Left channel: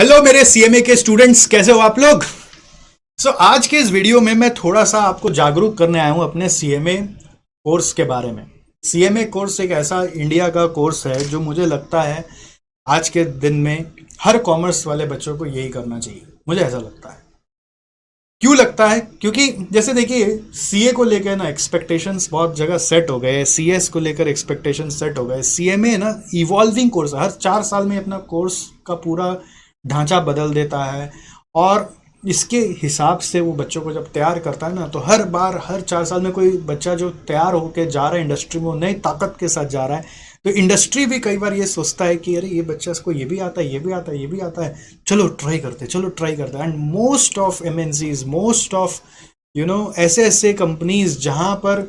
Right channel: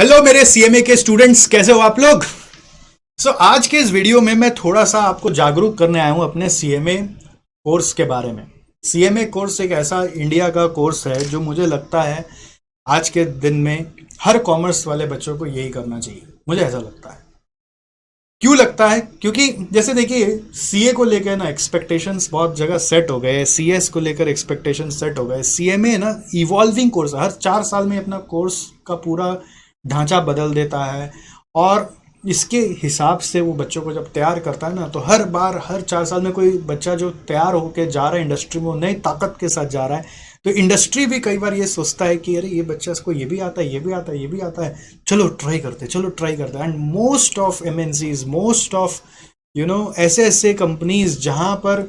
Hello मेरे CMA के students, कैसे हो आप लोग। आज के इस वीडियो में मैं थोड़ा सा आपको जागरूक करने आया हूं अपने सीएमए कोर्स के बारे में। सीएमए कोर्स एक ऐसा इंडिया का कोर्स है जो मुझे लगता है आज के दिन में हर कॉमर्स वाले बच्चों को यही करना चाहिए। मुझे ऐसा लगता है। क्यों लगता है? क्योंकि जैसे देखिए, सीए को लेकर ना एक्सपेक्टेशंस बहुत जगह सेट हो गए, सीएस को लेकर एक्सपेक्टेशंस सेट हो गए। सीएमए ना इवॉल्विंग कोर्स, हर 4 साल में अपना कोर्स का पूरा ढांचा बदल देता है और इसके हिसाब से वो बच्चों को जब तैयार करता है ना, तो हर बार हर 4 साल में कोई बच्चा जो तैयार होके जा रहा है इंडस्ट्री में, वो नई ताकत के साथ जा रहा है। तो इंडस्ट्री भी कई बार ये सोचता है कि अरे ये बच्चा, इसको ये भी आता है, ये भी आता है, ये भी आता है, चलो ट्राई करते, चलो ट्राई करते हैं। And most of MNCs, most of ऐसे ऐसे कंपनीज जहां पर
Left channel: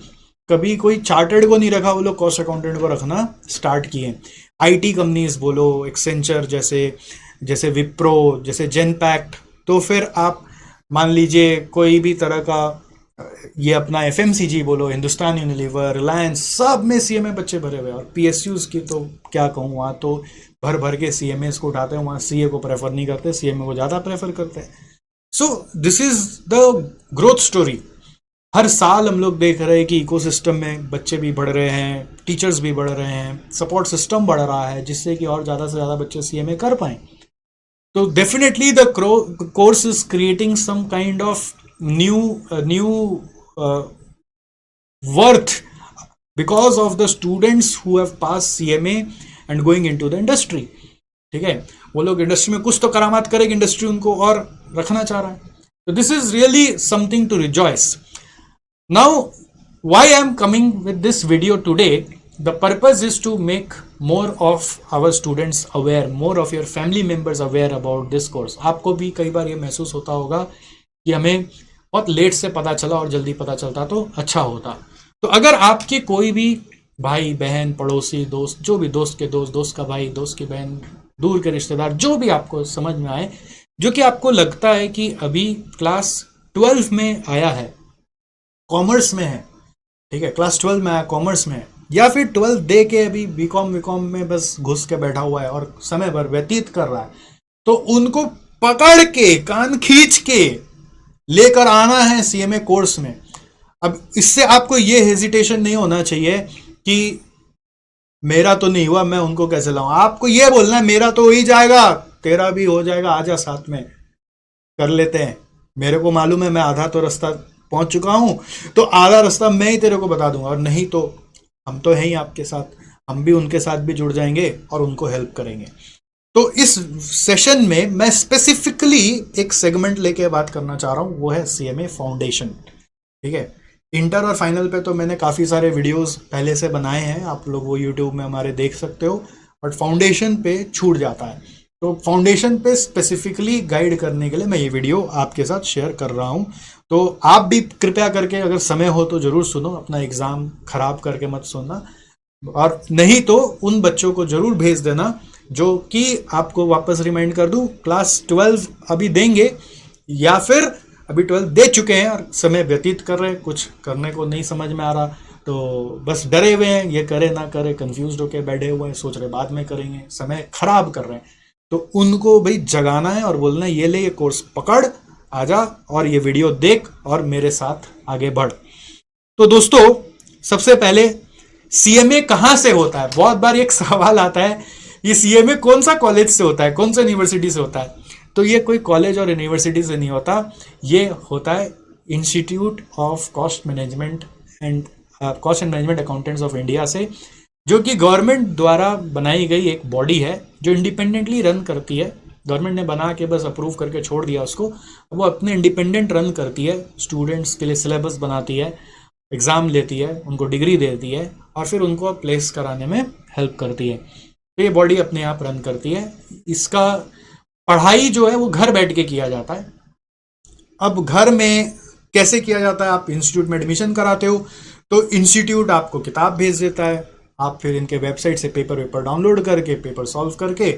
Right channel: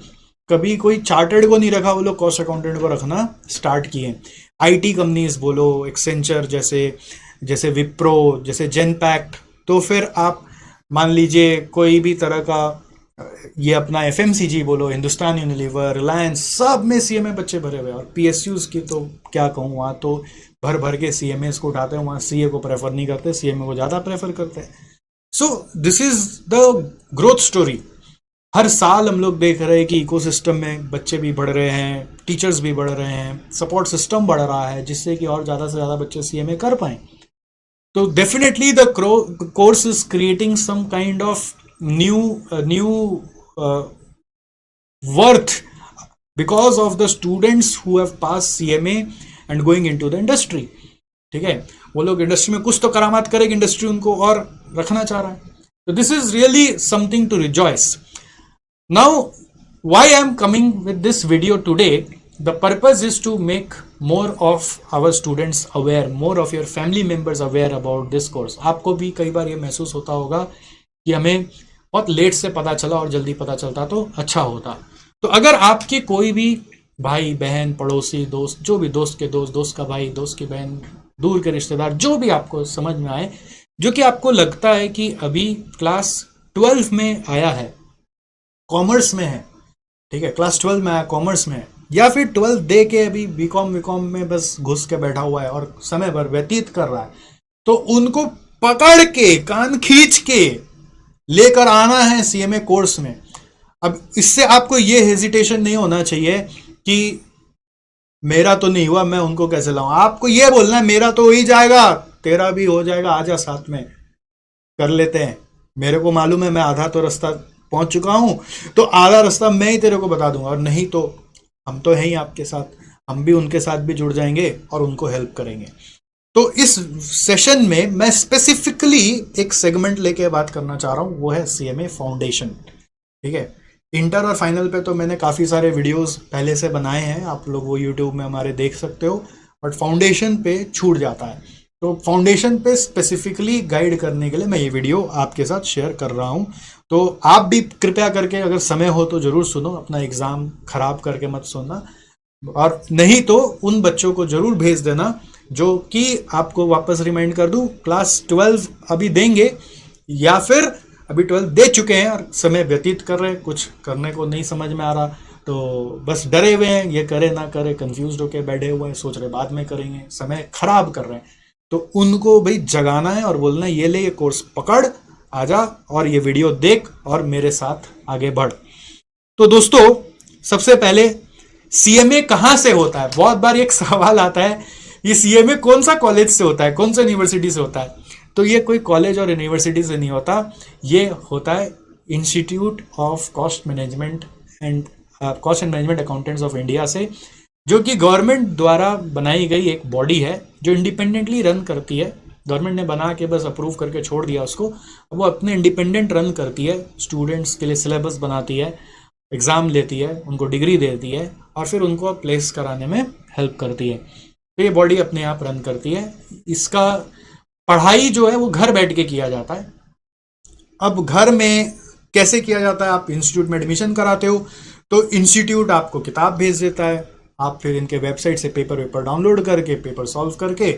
कभी कोई चार्टर्ड को नहीं रखा, वो लोग कॉस्ट अकाउंटेंट को रखना स्टार्ट किए। आईटी कंपनीज बोलो, एक्सेंचर जैसे, जैसे विप्रो, जैसे जेनपैक्ट। तो फिर आप मान लीजिए कोई भी तरह का ये अपना एफएमसीजी बोलो, हिंदुस्तान यूनिलीवर, रिलायंस, सब में सीएमए बच्चे भरे हुए हैं। और पीएसयूज की तो क्या कहूँ, वहां तो भर भर के सीएमए को उठाते हैं। वहां सीए को प्रेफर नहीं करते, सीएमए को ज्यादा प्रेफर करते हैं। So this is the growth story. हर साल हम लोग देख रहे हैं कि इकोसिस्टम में बच्चे भी बढ़ रहे हैं, टीचर्स भी बढ़ रहे हैं, सपोर्ट सिस्टम बढ़ रहा है, जिससे कि और ज्यादा से ज्यादा बच्चे सीएमए कर पाए। So definitely the course is creating some kind of new worth because of the students who have passed CMA and going into the industry. ठीक है, वो लोग इंडस्ट्री में कुछ तो करामात करेगी, इंडस्ट्री उनको और रखना चाह रहा है। तो this is really something to rejoice. Now why I am coming with this video today, the purpose is to make more of our students aware, more of your family members aware about this course. आपको भी कई बार ये महसूस होता होगा कि हमें बहुत लेट से पता चला और जल्दी पता चलता तो अच्छा होता। तो अगर आपके कोई भी भाई बहन, पड़ोसी, दोस्त, जो भी, दोस्त के दोस्त, दोस्त का भाई, दोस्त की बहन, दूर के रिश्तेदार, जो भी आपको समझ में आए, जो कि आपको लगता है कि अभी क्लास 12 में आया है, कॉमर्स में है, ठीक है, क्लास 12 में आया, कॉमर्स में है, या फिर 12 दे के अभी बीकॉम बीकॉम में बस घुस के बैठा हुआ है और समय भर व्यतीत कर रहा है, तो उनको पकड़ के कान खींच के लेकर आना है सीएमए कोर्स में। अब इससे आपको ये हेजिटेशन नहीं होना चाहिए कि मेरा तो नहीं हुआ, मैं उनको कैसे लाऊं। आपको ये बोलना है मेरा तो हो ही जाएगा, तेरा भी हो जाएगा, आजा साथ में कर लेते हैं। मेरे को मालूम है, मैं आधा तो रास्ता पहुंच चुका हूं, तो आधा रास्ता मैं ही तेरे को बता दूंगा, और नहीं तो हम तो हैं ही आपके साथ, हम भी उनके साथ भी जुड़ जाएंगे और उनको हेल्प करेंगे। तो इस सेशन में मैं स्पेसिफिकली एक सेगमेंट लेके बात करना चाह रहा हूं, वो है सीएमए फाउंडेशन। ठीक है, इंटर और फाइनल पे तो मैंने काफी सारे वीडियोस पहले से बनाए हैं, आप लोग वो यूट्यूब में हमारे देख सकते हो, बट फाउंडेशन पे छूट जाता है। तो फाउंडेशन पे स्पेसिफिकली गाइड करने के लिए मैं ये वीडियो आपके साथ शेयर कर रहा हूं। तो आप भी कृपया करके अगर समय हो तो जरूर सुनो, अपना एग्जाम खराब करके मत सुनना, और नहीं तो उन बच्चों को जरूर भेज देना जो कि आपको वापस रिमाइंड कर दूं, क्लास 12 अभी देंगे या फिर अभी 12 दे चुके हैं और समय व्यतीत कर रहे हैं, कुछ करने को नहीं समझ में आ रहा, तो बस डरे हुए हैं, ये करे ना करे, कंफ्यूज होके बैठे हुए हैं, सोच रहे बाद में करेंगे, समय खराब कर रहे हैं। तो उनको भाई जगाना है और बोलना है ये ले, ये कोर्स पकड़, आजा और ये वीडियो देख और मेरे साथ आगे बढ़। तो दोस्तों, सबसे पहले सीएमए कहां से होता है? बहुत बार एक सवाल आता है, ये सीएमए कौन सा कॉलेज से होता है, कौन सा यूनिवर्सिटी से होता है? तो ये कोई कॉलेज और यूनिवर्सिटी से नहीं होता, ये होता है institute of cost management and accountants of India से, जो कि गवर्नमेंट द्वारा बनाई गई एक बॉडी है जो इंडिपेंडेंटली रन करती है। गवर्नमेंट ने बना के बस अप्रूव करके छोड़ दिया उसको, वो अपने इंडिपेंडेंट रन करती है, स्टूडेंट्स के लिए सिलेबस बनाती है, एग्जाम लेती है, उनको डिग्री देती है और फिर उनको प्लेस कराने में हेल्प करती है। तो ये बॉडी अपने आप रन करती है। इसका पढ़ाई जो है वो घर बैठ के किया जाता है। अब घर में कैसे किया जाता है? आप इंस्टीट्यूट में एडमिशन कराते हो तो इंस्टीट्यूट आपको किताब भेज देता है, आप फिर इनके वेबसाइट से पेपर डाउनलोड करके, पेपर सॉल्व करके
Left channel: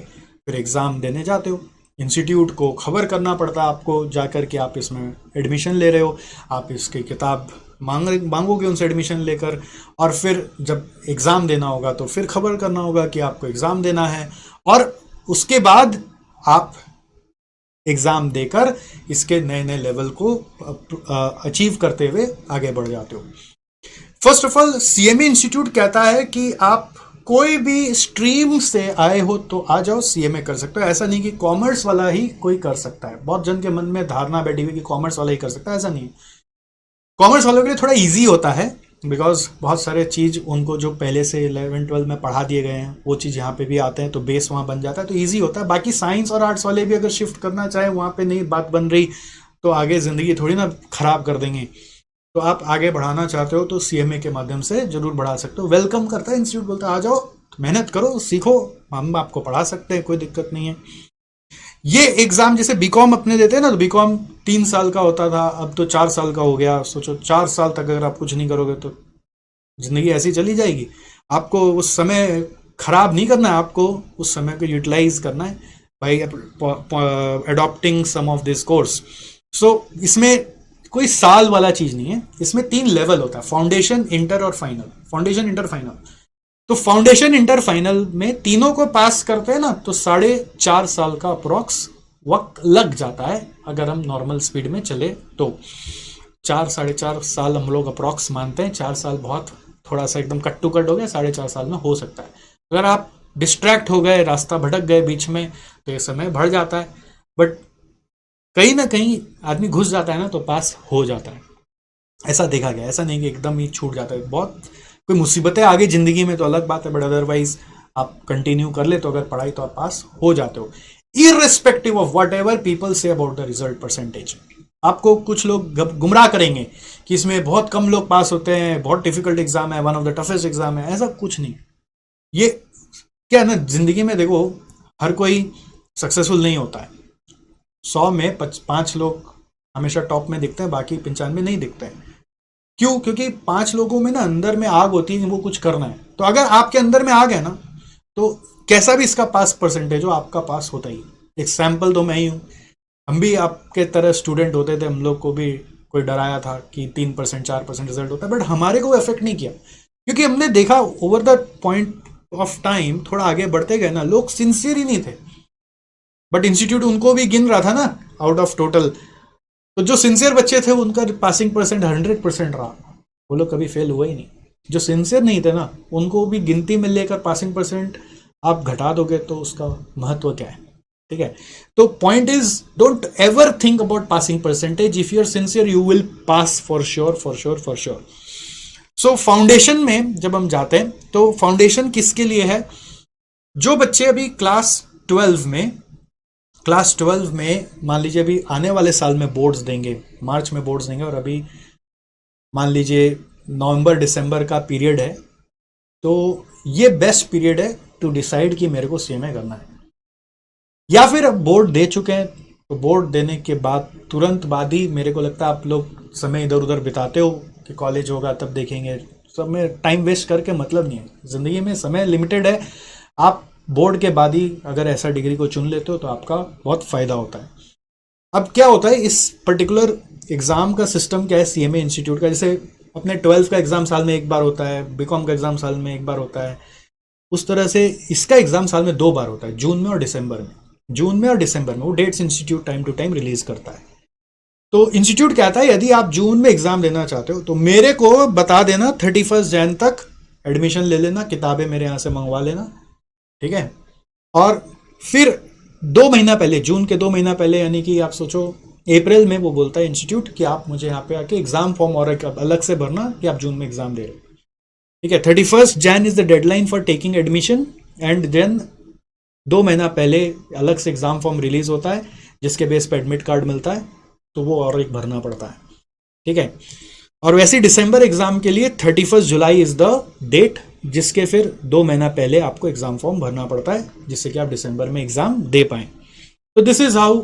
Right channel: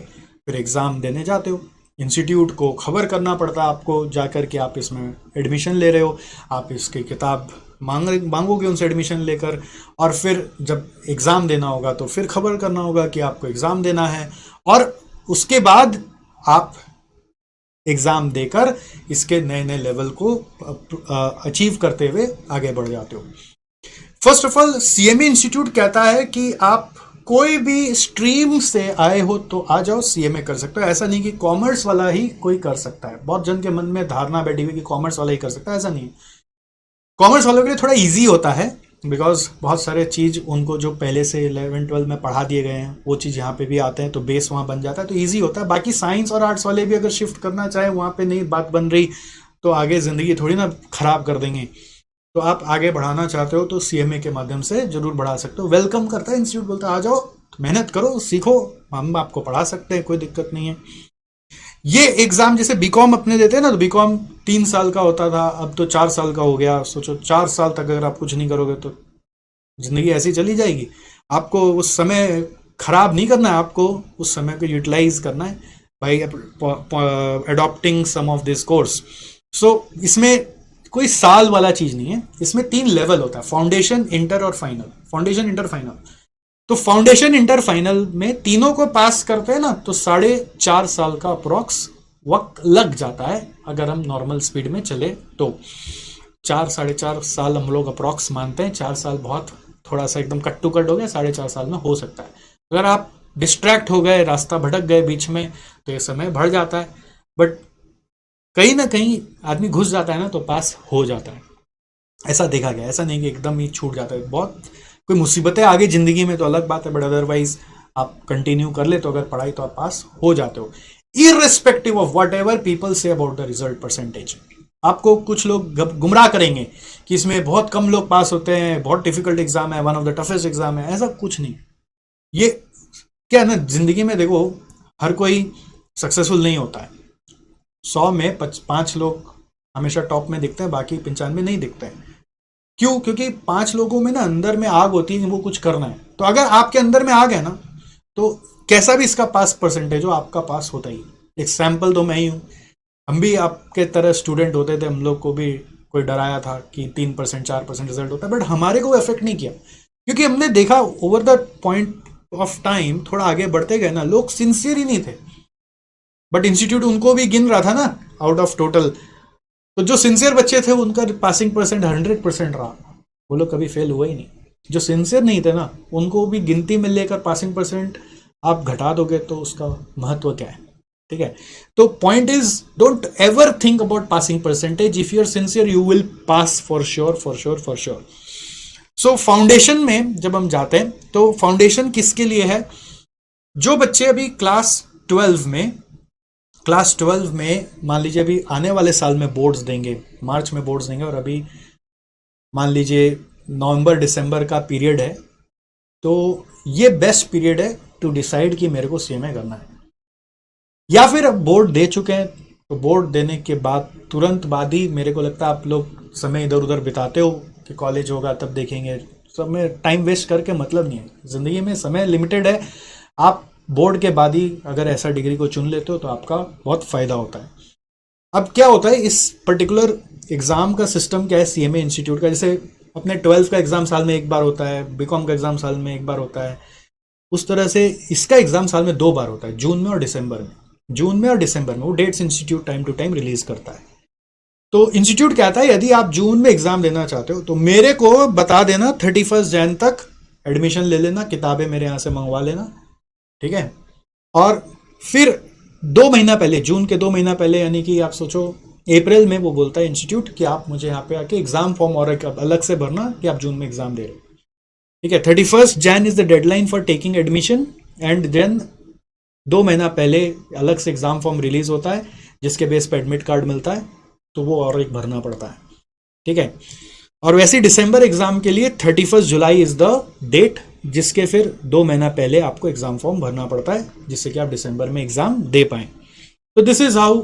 फिर एग्जाम देने जाते हो। इंस्टीट्यूट को खबर करना पड़ता है आपको जाकर के आप इसमें एडमिशन ले रहे हो, आप इसकी किताब मांगोगे उनसे एडमिशन लेकर, और फिर जब एग्जाम देना होगा तो फिर खबर करना होगा कि आपको एग्जाम देना है, और उसके बाद आप एग्जाम देकर इसके नए नए लेवल को अचीव करते हुए आगे बढ़ जाते हो। First of all CMA institute कहता है कि आप कोई भी स्ट्रीम से आए हो तो आ जाओ, सीएमए कर सकते हो। ऐसा नहीं कि कॉमर्स वाला ही कोई कर सकता है। बहुत जन के मन में धारणा बैठी हुई कि कॉमर्स वाला ही कर सकता है, ऐसा नहीं है। कॉमर्स वालों के लिए थोड़ा इजी होता है बिकॉज बहुत सारे चीज उनको जो पहले से 11-12 में पढ़ा दिए गए हैं वो चीज यहाँ पे भी आते हैं, तो बेस वहां बन जाता है, तो इजी होता है। बाकी साइंस और आर्ट्स वाले भी अगर शिफ्ट करना चाहे वहां पे नहीं बात बन रही तो आगे जिंदगी थोड़ी ना खराब कर देंगे। तो आप आगे बढ़ाना चाहते हो तो सीएमए के माध्यम से जरूर बढ़ा सकते हो। वेलकम करता है इंस्टीट्यूट, बोलता है आ जाओ, मेहनत करो, सीखो, हम आपको पढ़ा सकते हैं, कोई दिक्कत नहीं है। ये एग्जाम जैसे बीकॉम अपने देते हैं ना, तो बीकॉम 3 साल का होता था, अब तो 4 साल का हो गया। सोचो 4 साल तक अगर आप कुछ नहीं करोगे तो जिंदगी ऐसी चली जाएगी। आपको उस समय खराब नहीं करना है, आपको उस समय को यूटिलाइज करना है by adopting some of this course. So इसमें कोई साल वाला चीज नहीं है, इसमें 3 लेवल होता है, फाउंडेशन, इंटर और फाइनल। Foundation, inter, final. तो फाउंडेशन, इंटर, फाइनल में तीनों को पास करते हैं ना तो 4.5 साल का अप्रोक्स वक्त लग जाता है अगर हम नॉर्मल स्पीड में चले तो। 4-4.5 साल हम लोग अप्रोक्स मानते हैं। 4 साल बहुत थोड़ा सा एकदम कट टू कट हो गया, 4.5 साल में हो सकता है। अगर आप डिस्ट्रैक्ट हो गए, रास्ता भटक गए बीच में, तो ये समय बढ़ जाता है। बट कहीं ना कहीं आदमी घुस जाता है ना तो पास हो जाता है, ऐसा देखा गया। ऐसा नहीं कि एकदम ही छूट जाता है। बहुत कोई मुसीबतें आ गई जिंदगी में तो अलग बात है, बट अदरवाइज आप कंटिन्यू कर ले तो अगर पढ़ाई तो आप पास हो जाते हो, irrespective of what ever people say about the result percentage. आपको कुछ लोग गुमराह करेंगे कि इसमें बहुत कम लोग पास होते हैं, बहुत डिफिकल्ट एग्जाम है, one of the toughest exam है। ऐसा कुछ नहीं। ये क्या है ना, जिंदगी में देखो हर कोई सक्सेसफुल नहीं होता है। 100 में 5 लोग हमेशा टॉप में दिखते हैं, बाकी 95 नहीं दिखते हैं। क्यों? क्योंकि 5 लोगों में ना अंदर में आग होती है कि वो कुछ करना है। तो अगर आपके अंदर में आग है ना तो कैसा भी इसका पास परसेंटेज हो, आपका पास होता ही। एग्जाम्पल तो मैं ही हूं, हम भी आपके तरह स्टूडेंट होते थे, हम लोग को भी कोई डराया था कि 3% 4% रिजल्ट होता है, बट हमारे को इफेक्ट नहीं किया क्योंकि हमने देखा over the point of time थोड़ा आगे बढ़ते गए ना, लोग सिंसियर ही नहीं थे। बट इंस्टीट्यूट उनको भी गिन रहा था ना आउट ऑफ टोटल, तो जो सिंसियर बच्चे थे उनका पासिंग परसेंट 100% रहा, वो लोग कभी फेल हुआ ही नहीं। जो सिंसियर नहीं थे ना उनको भी गिनती में लेकर पासिंग परसेंट आप घटा दोगे तो उसका महत्व क्या है? ठीक है, तो point is don't ever think about passing percentage. If you are sincere you will pass for sure for sure for sure. So foundation में जब हम जाते हैं तो फाउंडेशन किसके लिए है? जो बच्चे अभी क्लास 12 में मान लीजिए अभी आने वाले साल में बोर्ड्स देंगे, मार्च में बोर्ड्स देंगे, और अभी मान लीजिए नवंबर दिसंबर का पीरियड है, तो ये बेस्ट पीरियड है टू डिसाइड कि मेरे को सीएमए करना है। या फिर अब बोर्ड दे चुके हैं तो बोर्ड देने के बाद तुरंत बाद ही मेरे को लगता है आप लोग समय इधर उधर बिताते हो कि कॉलेज होगा तब देखेंगे। सब में टाइम वेस्ट करके मतलब नहीं है, जिंदगी में समय लिमिटेड है। आप बोर्ड के बाद ही अगर ऐसा डिग्री को चुन लेते हो तो आपका बहुत फायदा होता है। अब क्या होता है इस पर्टिकुलर एग्जाम का सिस्टम क्या है सीएमए इंस्टीट्यूट का? जैसे अपने 12th का एग्जाम साल में 1 बार होता है, बीकॉम का एग्जाम साल में 1 बार होता है, उस तरह से इसका एग्जाम साल में 2 बार होता है, जून में और दिसंबर में। जून में और दिसंबर में वो dates institute time to time release करता है। तो इंस्टीट्यूट कहता है यदि आप जून में एग्जाम देना चाहते हो तो मेरे को बता देना, 31 जैन तक एडमिशन ले लेना, किताबें मेरे यहाँ से मंगवा लेना, ठीक है। और फिर 2 महीना पहले, जून के 2 महीना पहले, यानी कि आप सोचो अप्रैल में वो बोलता है इंस्टीट्यूट कि आप मुझे यहाँ पे आके एग्जाम फॉर्म और अलग से भरना कि आप जून में एग्जाम दे रहे हो, ठीक है। 31 Jan is the deadline for taking admission and then 2 महीना पहले अलग से एग्जाम फॉर्म रिलीज होता है जिसके बेस पे एडमिट कार्ड मिलता है, तो वो और एक भरना पड़ता है, ठीक है। और वैसे दिसंबर एग्जाम के लिए 31 जुलाई इज द डेट जिसके फिर 2 महीना पहले आपको एग्जाम फॉर्म भरना पड़ता है जिससे कि आप दिसंबर में एग्जाम दे पाए। तो this is how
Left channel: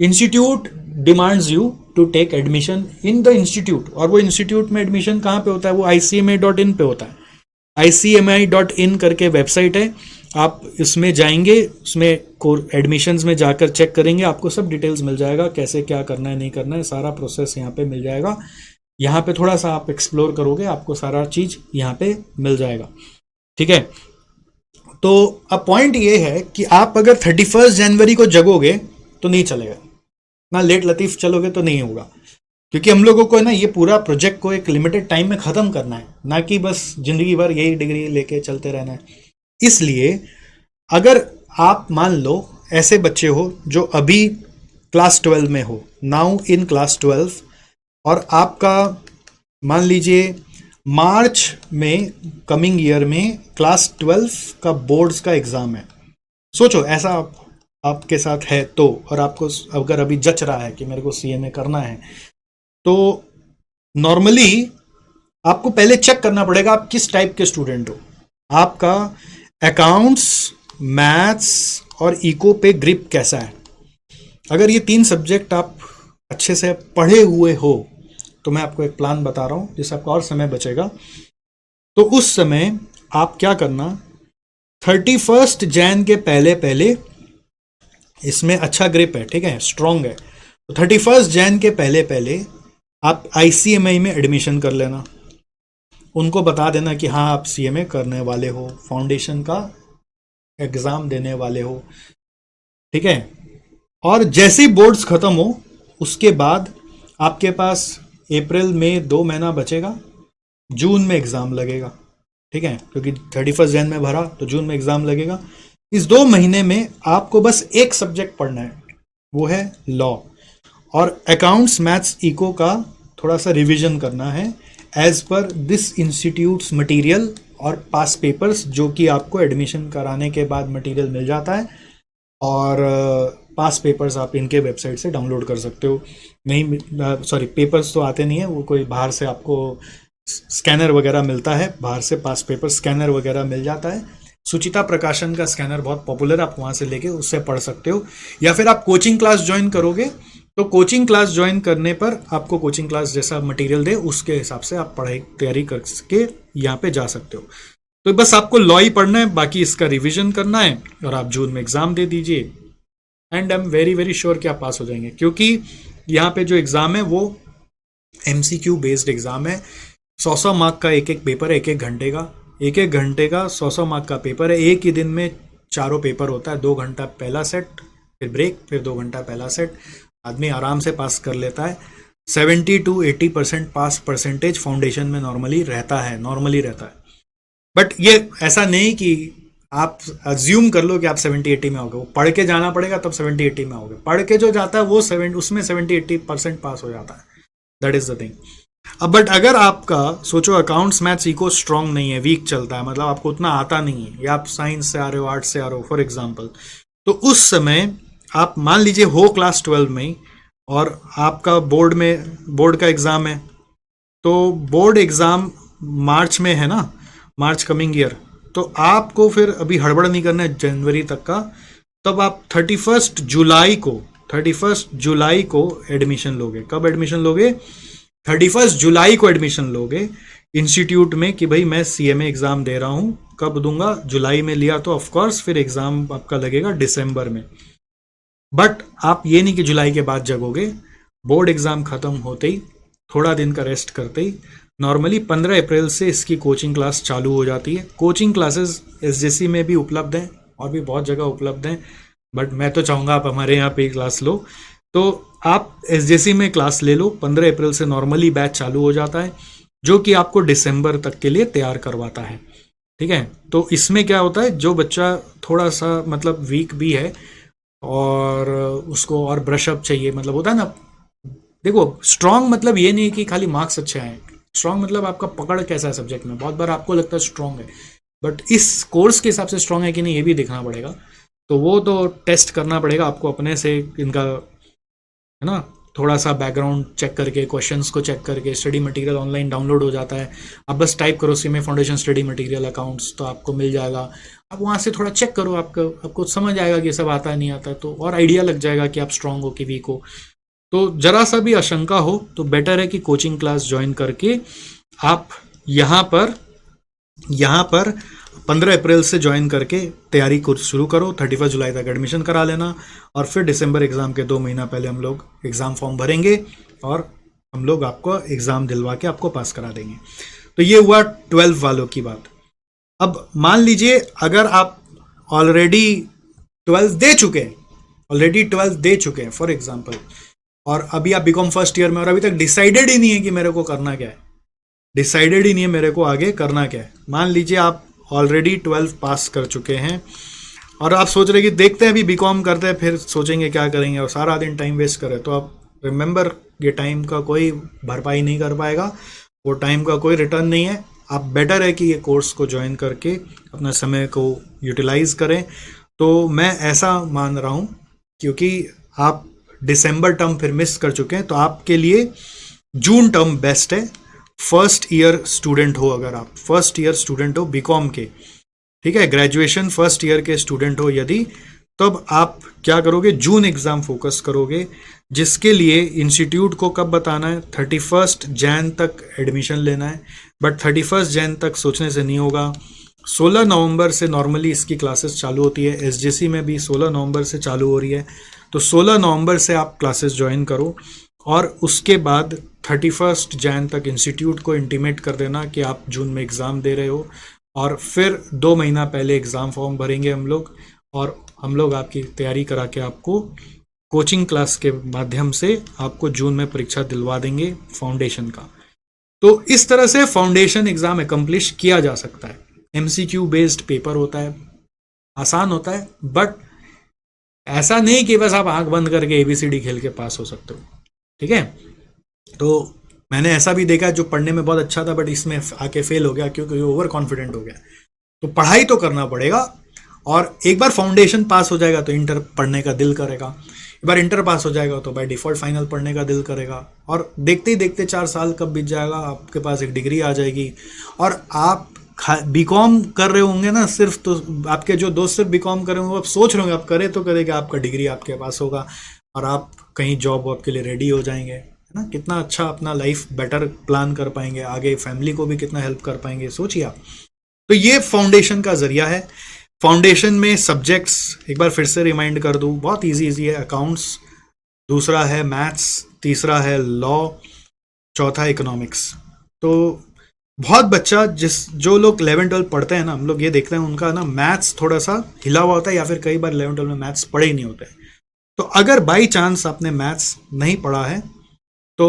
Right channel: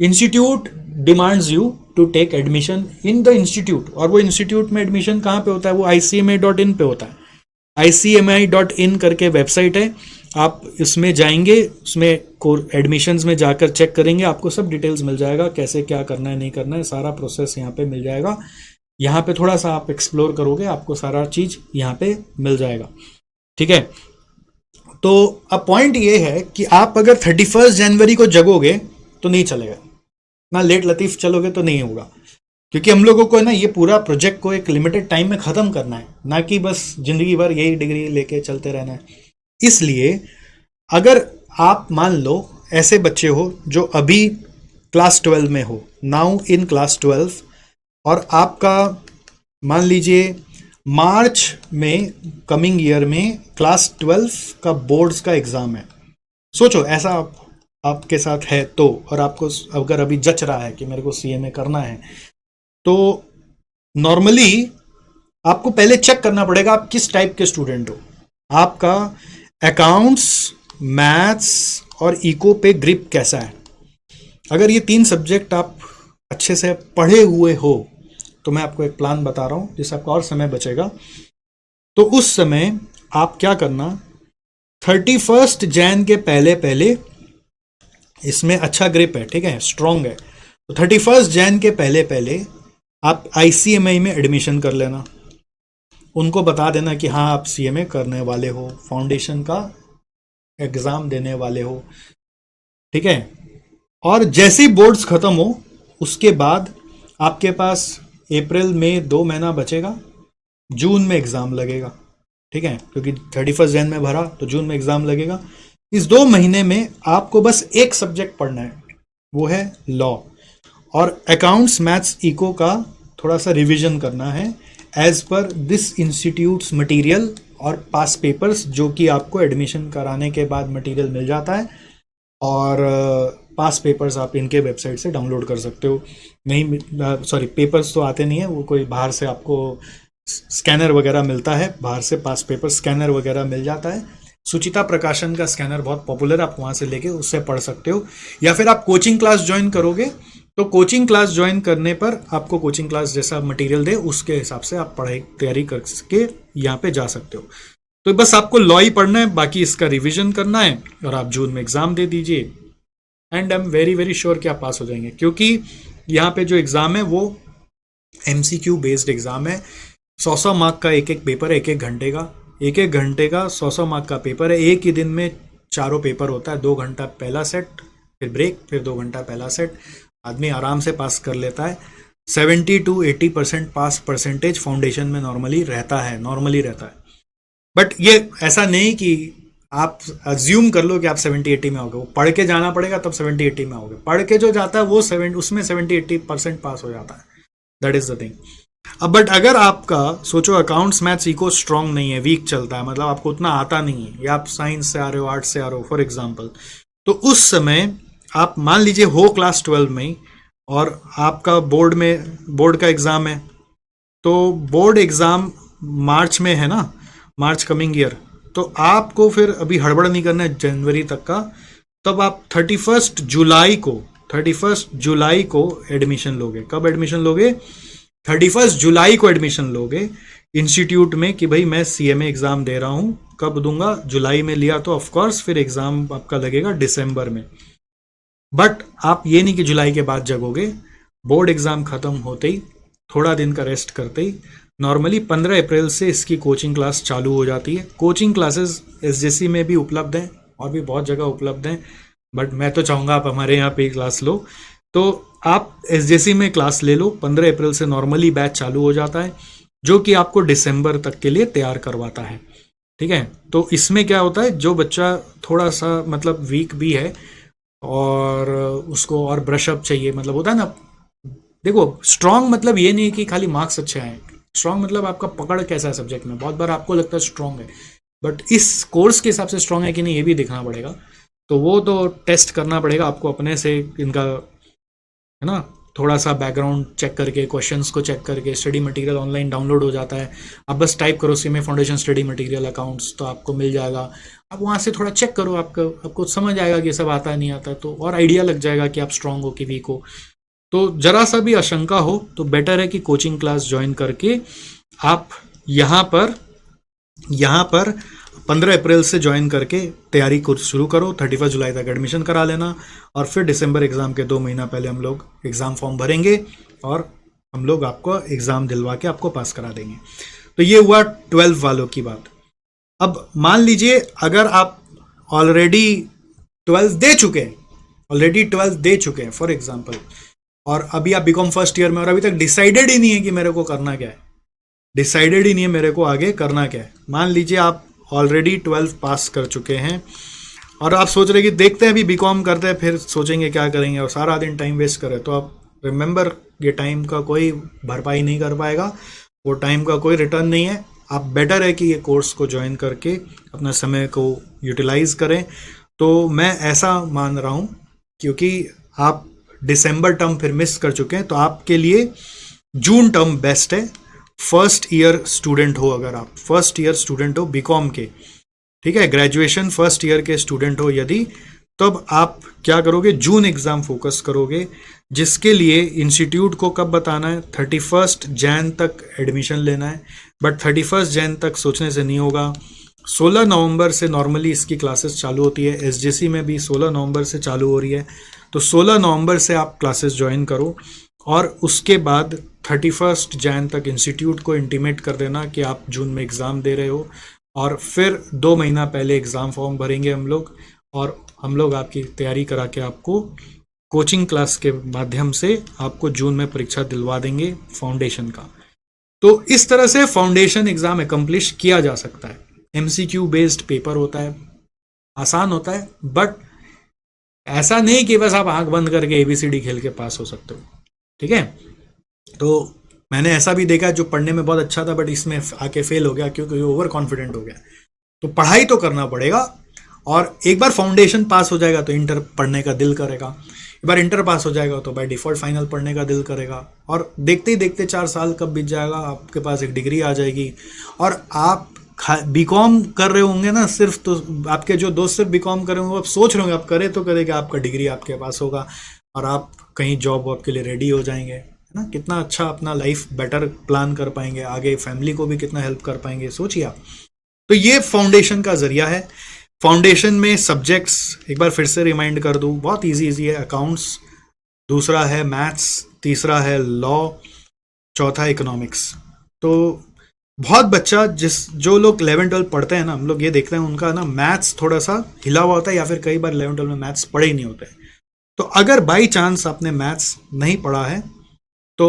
institute demands you to take admission in the institute. और वो इंस्टीट्यूट में एडमिशन कहाँ पे होता है? वो ICMA.in पे होता है। ICMA.in करके वेबसाइट है, आप इसमें जाएंगे, उसमें एडमिशंस में जाकर चेक करेंगे, आपको सब डिटेल्स मिल जाएगा, कैसे क्या करना है नहीं करना है, सारा प्रोसेस यहाँ पे मिल जाएगा। यहाँ पे थोड़ा सा आप एक्सप्लोर करोगे, आपको सारा चीज यहाँ पे मिल जाएगा, ठीक है। तो अब पॉइंट ये है कि आप अगर 31 जनवरी को जगोगे तो नहीं चलेगा। ना लेट लतीफ चलोगे तो नहीं होगा, क्योंकि हम लोगों को है ना ये पूरा प्रोजेक्ट को एक लिमिटेड टाइम में खत्म करना है, ना कि बस जिंदगी भर यही डिग्री लेके चलते रहना है। इसलिए अगर आप मान लो ऐसे बच्चे हो जो अभी क्लास 12 में हो, नाउ इन क्लास 12, और आपका मान लीजिए मार्च में, कमिंग ईयर में क्लास 12 का बोर्ड्स का एग्जाम है। सोचो ऐसा आपके साथ है तो, और आपको अगर अभी जच रहा है कि मेरे को सीएमए करना है, तो नॉर्मली आपको पहले चेक करना पड़ेगा आप किस टाइप के स्टूडेंट हो। आपका अकाउंट्स, मैथ्स और इको पे ग्रिप कैसा है। अगर ये 3 सब्जेक्ट आप अच्छे से पढ़े हुए हो तो मैं आपको एक प्लान बता रहा हूं जिससे आपका और समय बचेगा। तो उस समय आप क्या करना, 31 जैन के पहले पहले, इसमें अच्छा ग्रिप है, ठीक है, स्ट्रांग है, तो 31 जैन के पहले पहले आप आईसीएमआई में एडमिशन कर लेना। उनको बता देना कि हाँ आप सीएमए करने वाले हो, फाउंडेशन का एग्जाम देने वाले हो, ठीक है। और जैसे ही बोर्ड्स खत्म हो उसके बाद आपके पास अप्रैल में 2 महीना बचेगा, जून में एग्जाम लगेगा, ठीक है, क्योंकि 31 जैन में भरा तो जून में एग्जाम लगेगा। इस 2 महीने में आपको बस एक सब्जेक्ट पढ़ना है, वो है लॉ, और अकाउंट्स, मैथ्स, इको का थोड़ा सा रिवीजन करना है as per this institutes material और पास पेपर्स, जो कि आपको एडमिशन कराने के बाद मटेरियल मिल जाता है, और पास पेपर्स आप इनके वेबसाइट से डाउनलोड कर सकते हो। नहीं, सॉरी, पेपर्स तो आते नहीं है, वो कोई बाहर से आपको स्कैनर वगैरह मिलता है, बाहर से पास पेपर स्कैनर वगैरह मिल जाता है। सुचिता प्रकाशन का स्कैनर बहुत पॉपुलर है, आप वहां से लेके उससे पढ़ सकते हो, या फिर आप कोचिंग क्लास ज्वाइन करोगे तो कोचिंग क्लास ज्वाइन करने पर आपको कोचिंग क्लास जैसा मटेरियल दे उसके हिसाब से आप पढ़ाई तैयारी करके यहाँ पे जा सकते हो। तो बस आपको लॉ ही पढ़ना है, बाकी इसका रिवीजन करना है, और आप जून में एग्जाम दे दीजिए, and I am very very sure कि आप पास हो जाएंगे, क्योंकि यहाँ पे जो एग्जाम है वो एमसीक्यू बेस्ड एग्जाम है। 100 मार्क का एक एक पेपर है, एक एक घंटे का, एक एक घंटे का 100 मार्क का पेपर है। एक ही दिन में 4 पेपर होता है, 2 घंटा पहला सेट, फिर ब्रेक, फिर 2 घंटा पहला सेट, आदमी आराम से पास कर लेता है। 70 to 80% पास परसेंटेज फाउंडेशन में नॉर्मली रहता है। बट ये ऐसा नहीं कि आप अज्यूम कर लो कि आप 70-80 में होगे, वो पढ़ के जाना पड़ेगा तब 70-80 में होगे। पढ़ के जो जाता है वो उसमें 70-80% पास हो जाता है, दैट इज द थिंग। अब बट अगर आपका सोचो अकाउंट्स, मैथ्स, इको स्ट्रांग नहीं है, वीक चलता है, मतलब आपको उतना आता नहीं है, या आप साइंस से आ रहे हो, आर्ट्स से आ रहे हो फॉर एग्जाम्पल, तो उस समय आप मान लीजिए हो क्लास 12 में और आपका बोर्ड का एग्जाम है, तो बोर्ड एग्जाम मार्च में है ना, मार्च कमिंग ईयर, तो आपको फिर अभी हड़बड़ नहीं करना है जनवरी तक का, तब आप 31 जुलाई को एडमिशन लोगे। कब एडमिशन लोगे? 31 जुलाई को एडमिशन लोगे इंस्टीट्यूट में, कि भाई मैं सीएमए एग्जाम दे रहा हूं। कब दूंगा? जुलाई में लिया तो ऑफकोर्स फिर एग्जाम आपका लगेगा दिसंबर में। बट आप ये नहीं कि जुलाई के बाद जगोगे, बोर्ड एग्जाम खत्म होते ही, थोड़ा दिन का रेस्ट करते ही, नॉर्मली 15 अप्रैल से इसकी कोचिंग क्लास चालू हो जाती है। कोचिंग क्लासेस एसजेसी में भी उपलब्ध हैं और भी बहुत जगह उपलब्ध हैं, बट मैं तो चाहूंगा आप हमारे यहाँ पे क्लास लो। तो आप एसजेसी में क्लास ले लो, 15 अप्रैल से नॉर्मली बैच चालू हो जाता है, जो कि आपको दिसंबर तक के लिए तैयार करवाता है, ठीक है। तो इसमें क्या होता है, जो बच्चा थोड़ा सा मतलब वीक भी है और उसको और ब्रश अप चाहिए, मतलब होता है ना, देखो स्ट्रांग मतलब ये नहीं कि खाली मार्क्स अच्छे आए, स्ट्रांग मतलब आपका पकड़ कैसा है सब्जेक्ट में। बहुत बार आपको लगता है स्ट्रांग है, बट इस कोर्स के हिसाब से स्ट्रांग है कि नहीं ये भी दिखना पड़ेगा। तो वो तो टेस्ट करना पड़ेगा आपको अपने से, इनका है ना, थोड़ा सा बैकग्राउंड चेक करके, क्वेश्चंस को चेक करके। स्टडी मटेरियल ऑनलाइन डाउनलोड हो जाता है, आप बस टाइप करो CMA foundation study material accounts, तो आपको मिल जाएगा। आप वहां से थोड़ा चेक करो, आपको समझ आएगा कि सब आता है नहीं आता, तो और आइडिया लग जाएगा कि आप स्ट्रांग हो कि वीक हो। तो जरा सा भी आशंका हो तो बेटर है कि कोचिंग क्लास ज्वाइन करके आप यहाँ पर 15 अप्रैल से ज्वाइन करके तैयारी को शुरू करो। 31 जुलाई तक एडमिशन करा लेना, और फिर दिसंबर एग्जाम के 2 महीना पहले हम लोग एग्जाम फॉर्म भरेंगे और हम लोग आपको एग्जाम दिलवा के आपको पास करा देंगे। तो ये हुआ 12 वालों की बात। अब मान लीजिए अगर आप ऑलरेडी 12 दे चुके हैं, फॉर एग्जाम्पल और अभी आप बीकॉम फर्स्ट ईयर में और अभी तक डिसाइडेड ही नहीं है कि मेरे को करना क्या है, डिसाइडेड ही नहीं है मेरे को आगे करना क्या है। मान लीजिए आप ऑलरेडी 12 पास कर चुके हैं और आप सोच रहे हैं कि देखते हैं अभी बीकॉम करते हैं फिर सोचेंगे क्या करेंगे, और सारा दिन टाइम वेस्ट करें, तो आप रिमेंबर ये टाइम का कोई भरपाई नहीं कर पाएगा, वो टाइम का कोई रिटर्न नहीं है। आप बेटर है कि ये कोर्स को ज्वाइन करके अपना समय को यूटिलाइज करें। तो मैं ऐसा मान रहा हूँ, क्योंकि आप दिसंबर टर्म फिर मिस कर चुके हैं, तो आपके लिए जून टर्म बेस्ट है। फर्स्ट ईयर स्टूडेंट हो, अगर आप फर्स्ट ईयर स्टूडेंट हो बीकॉम के, ठीक है, ग्रेजुएशन फर्स्ट ईयर के स्टूडेंट हो यदि, तब आप क्या करोगे, जून एग्जाम फोकस करोगे, जिसके लिए इंस्टीट्यूट को कब बताना है, 31 जैन तक एडमिशन लेना है। बट 31 जैन तक सोचने से नहीं होगा, 16 नवंबर से नॉर्मली इसकी क्लासेस चालू होती है, एसजीसी में भी 16 नवंबर से चालू हो रही है, तो 16 नवंबर से आप क्लासेस ज्वाइन करो और उसके बाद 31 जैन तक इंस्टीट्यूट को इंटीमेट कर देना कि आप जून में एग्ज़ाम दे रहे हो, और फिर 2 महीना पहले एग्ज़ाम फॉर्म भरेंगे हम लोग, और हम लोग आपकी तैयारी करा के आपको कोचिंग क्लास के माध्यम से आपको जून में परीक्षा दिलवा देंगे फाउंडेशन का। तो इस तरह से फाउंडेशन एग्जाम एकम्प्लिश किया जा सकता है। एमसीक्यू बेस्ड पेपर होता है, आसान होता है, बट ऐसा नहीं कि बस आप आंख बंद करके एबीसीडी खेल के पास हो सकते हो, ठीक है। तो मैंने ऐसा भी देखा जो पढ़ने में बहुत अच्छा था बट इसमें आके फेल हो गया क्योंकि ओवर कॉन्फिडेंट हो गया। तो पढ़ाई तो करना पड़ेगा, और एक बार फाउंडेशन पास हो जाएगा तो इंटर पढ़ने का दिल करेगा, एक बार इंटर पास हो जाएगा तो बाय डिफॉल्ट फाइनल पढ़ने का दिल करेगा, और देखते ही देखते 4 साल कब बीत जाएगा, आपके पास एक डिग्री आ जाएगी। और आप बीकॉम कर रहे होंगे ना सिर्फ, तो आपके जो दोस्त सिर्फ बीकॉम कर रहे होंगे, आप सोच रहे होंगे आप करें तो करें कि आपका डिग्री आपके पास होगा और आप कहीं जॉब वॉब के लिए रेडी हो जाएंगे, है ना। कितना अच्छा अपना लाइफ बेटर प्लान कर पाएंगे, आगे फैमिली को भी कितना हेल्प कर पाएंगे, सोचिए आप। तो ये फाउंडेशन का जरिया है। फाउंडेशन में सब्जेक्ट्स एक बार फिर से रिमाइंड कर दूं, बहुत इजी है। अकाउंट्स, दूसरा है मैथ्स, तीसरा है लॉ, चौथा इकोनॉमिक्स। तो बहुत बच्चा जो लोग 11-12 पढ़ते हैं ना, हम लोग ये देखते हैं उनका ना मैथ्स थोड़ा सा हिला हुआ होता है, या फिर कई बार 11-12 में मैथ्स पढ़े ही नहीं होते। तो अगर बाई चांस आपने मैथ्स नहीं पढ़ा है तो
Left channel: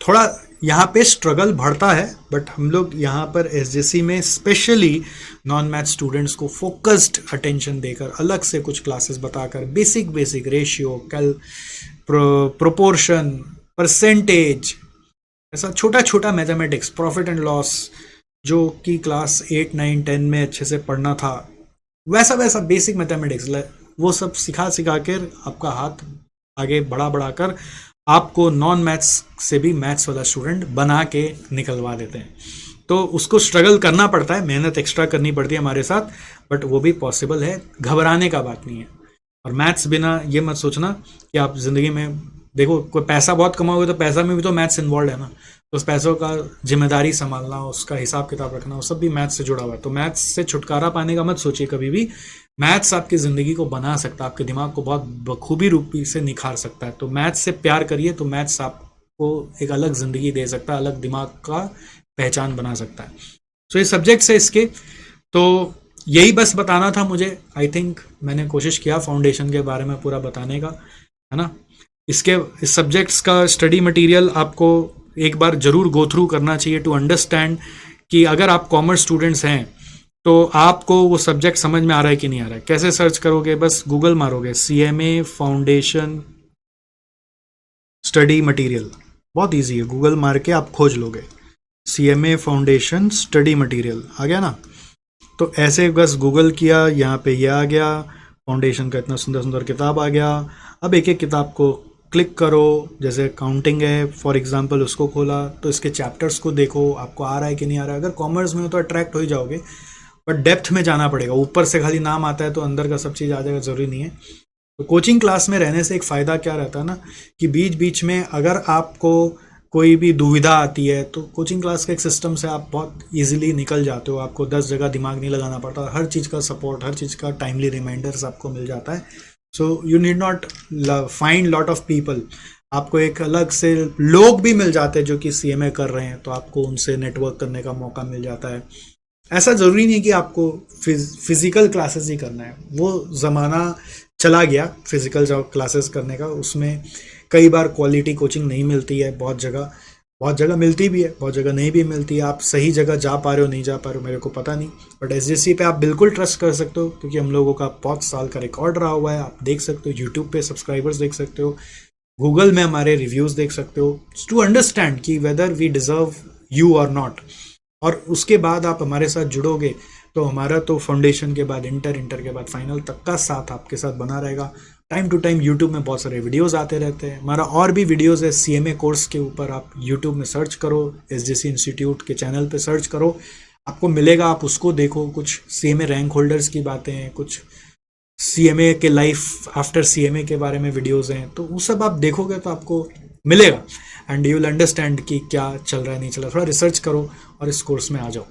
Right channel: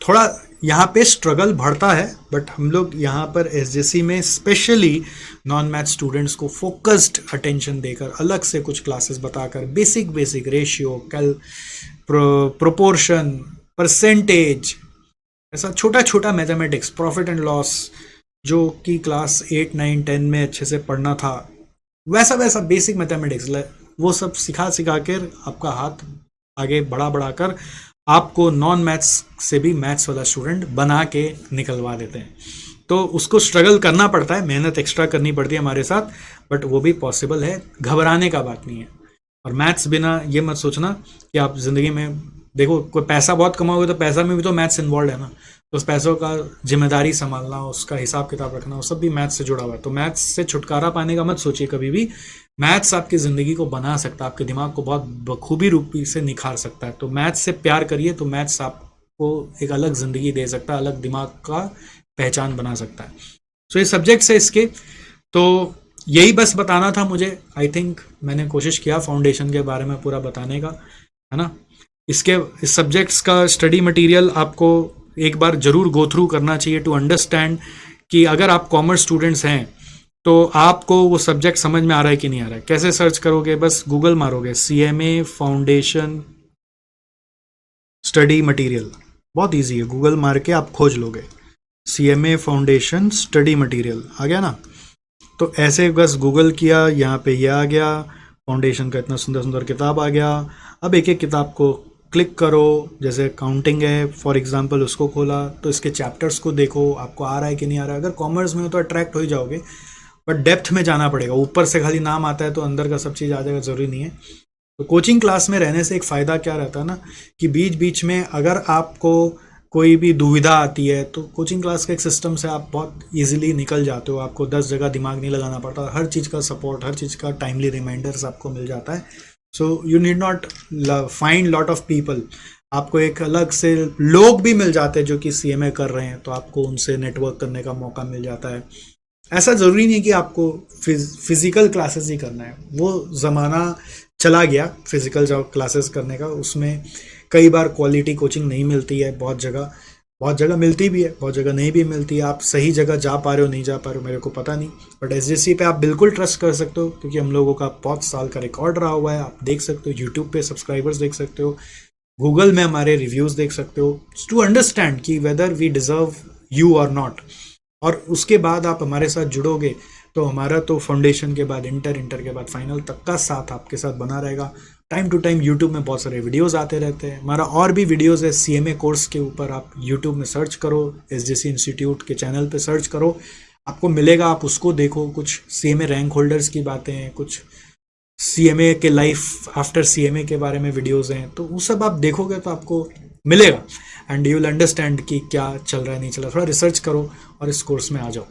थोड़ा यहाँ पे स्ट्रगल बढ़ता है, बट हम लोग यहाँ पर एसजीसी में स्पेशली नॉन मैथ स्टूडेंट्स को फोकस्ड अटेंशन देकर अलग से कुछ क्लासेस बताकर बेसिक रेशियो, कैल, प्रोपोर्शन, परसेंटेज, ऐसा छोटा छोटा मैथमेटिक्स, प्रॉफिट एंड लॉस, जो कि क्लास 8, 9, 10 में अच्छे से पढ़ना था, वैसा बेसिक मैथमेटिक्स वो सब सिखा कर आपका हाथ आगे बढ़ा कर आपको नॉन मैथ्स से भी मैथ्स वाला स्टूडेंट बना के निकलवा देते हैं। तो उसको स्ट्रगल करना पड़ता है, मेहनत एक्स्ट्रा करनी पड़ती है हमारे साथ, बट वो भी पॉसिबल है, घबराने का बात नहीं है। और मैथ्स बिना ये मत सोचना कि आप जिंदगी में, देखो कोई पैसा बहुत कमाओगे तो पैसा में भी तो मैथ्स इन्वॉल्व है ना, तो उस पैसों का जिम्मेदारी संभालना, उसका हिसाब किताब रखना, वो सब भी मैथ्स से जुड़ा हुआ है। तो मैथ्स से छुटकारा पाने का मत सोचिए कभी भी। मैथ्स आपकी जिंदगी को बना सकता है, आपके दिमाग को बहुत बखूबी रूपी से निखार सकता है। तो मैथ्स से प्यार करिए, तो मैथ्स आपको एक अलग जिंदगी दे सकता है, अलग दिमाग का पहचान बना सकता है। सो ये सब्जेक्ट्स है इसके, तो यही बस बताना था मुझे। आई थिंक मैंने कोशिश किया फाउंडेशन के बारे में पूरा बताने का, है ना। इस सब्जेक्ट्स का स्टडी मटेरियल आपको एक बार जरूर गो थ्रू करना चाहिए टू अंडरस्टैंड कि अगर आप कॉमर्स स्टूडेंट्स हैं तो आपको वो सब्जेक्ट समझ में आ रहा है कि नहीं आ रहा है। कैसे सर्च करोगे, बस गूगल मारोगे CMA फाउंडेशन स्टडी मटेरियल, बहुत इजी है, गूगल मार के आप खोज लोगे CMA फाउंडेशन स्टडी मटेरियल, आ गया ना। तो ऐसे बस गूगल किया, यहाँ पे ये आ गया, फाउंडेशन का इतना सुंदर सुंदर किताब आ गया। अब एक एक किताब को क्लिक करो, जैसे अकाउंटिंग है फॉर एग्जांपल, उसको खोला तो इसके चैप्टर्स को देखो आपको आ रहा है कि नहीं आ रहा है। अगर कॉमर्स में हो तो अट्रैक्ट हो ही जाओगे, बट डेप्थ में जाना पड़ेगा। ऊपर से खाली नाम आता है तो अंदर का सब चीज़ आ जाएगा, जरूरी नहीं है। तो कोचिंग क्लास में रहने से एक फ़ायदा क्या रहता है ना, कि बीच बीच में अगर आपको कोई भी दुविधा आती है तो कोचिंग क्लास के एक सिस्टम से आप बहुत इजीली निकल जाते हो। आपको 10 जगह दिमाग नहीं लगाना पड़ता, हर चीज़ का सपोर्ट, हर चीज़ का टाइमली रिमाइंडर्स आपको मिल जाता है। So you need not find lot of people, आपको एक अलग से लोग भी मिल जाते हैं जो कि CMA कर रहे हैं, तो आपको उनसे नेटवर्क करने का मौका मिल जाता है। ऐसा जरूरी नहीं कि आपको फिजिकल क्लासेस ही करना है, वो जमाना चला गया फिजिकल जो क्लासेस करने का। उसमें कई बार क्वालिटी कोचिंग नहीं मिलती है, बहुत जगह मिलती भी है, बहुत जगह नहीं भी मिलती है। आप सही जगह जा पा रहे हो नहीं जा पा रहे हो मेरे को पता नहीं, बट एसजीसी पे आप बिल्कुल ट्रस्ट कर सकते हो, क्योंकि हम लोगों का बहुत साल का रिकॉर्ड रहा हुआ है। आप देख सकते हो, यूट्यूब पे सब्सक्राइबर्स देख सकते हो, गूगल में हमारे रिव्यूज देख सकते हो, टू अंडरस्टैंड कि वेदर वी डिजर्व यू और नॉट। और उसके बाद आप हमारे साथ जुड़ोगे तो हमारा तो फाउंडेशन के बाद इंटर के बाद फाइनल तक का साथ आपके साथ बना रहेगा। टाइम टू टाइम यूट्यूब में बहुत सारे वीडियोस आते रहते हैं। हमारा और भी वीडियोस है सीएमए कोर्स के ऊपर, आप यूट्यूब में सर्च करो, एसजीसी इंस्टीट्यूट के चैनल पे सर्च करो, आपको मिलेगा, आप उसको देखो। कुछ सीएमए रैंक होल्डर्स की बातें हैं, कुछ सीएमए के लाइफ आफ्टर सीएमए के बारे में वीडियोस हैं, तो वो सब आप देखोगे तो आपको मिलेगा एंड यू विल अंडरस्टैंड कि क्या चल रहा है नहीं चल रहा। थोड़ा रिसर्च करो और इस कोर्स में आ जाओ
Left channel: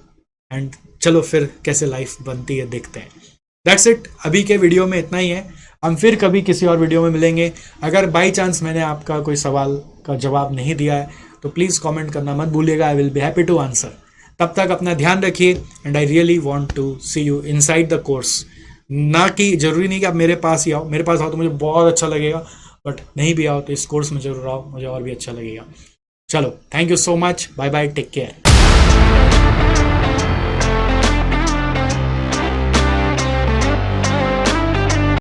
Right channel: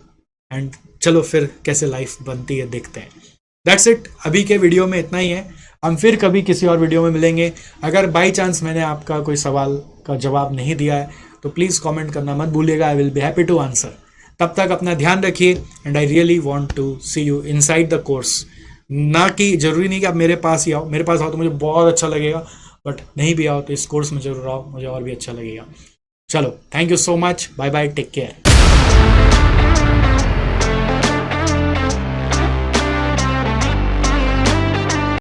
एंड चलो फिर कैसे लाइफ बनती है देखते हैं। दैट्स इट, अभी के वीडियो में इतना ही है। हम फिर कभी किसी और वीडियो में मिलेंगे। अगर बाई चांस मैंने आपका कोई सवाल का जवाब नहीं दिया है तो प्लीज कमेंट करना मत भूलिएगा, I will be happy to answer. तब तक अपना ध्यान रखिए and I really want to see you inside the course. ना कि जरूरी नहीं कि आप मेरे पास ही आओ, मेरे पास आओ तो मुझे बहुत अच्छा लगेगा, बट नहीं भी आओ तो इस कोर्स में जरूर आओ, मुझे और भी अच्छा लगेगा। चलो, thank you so much, bye bye, take care.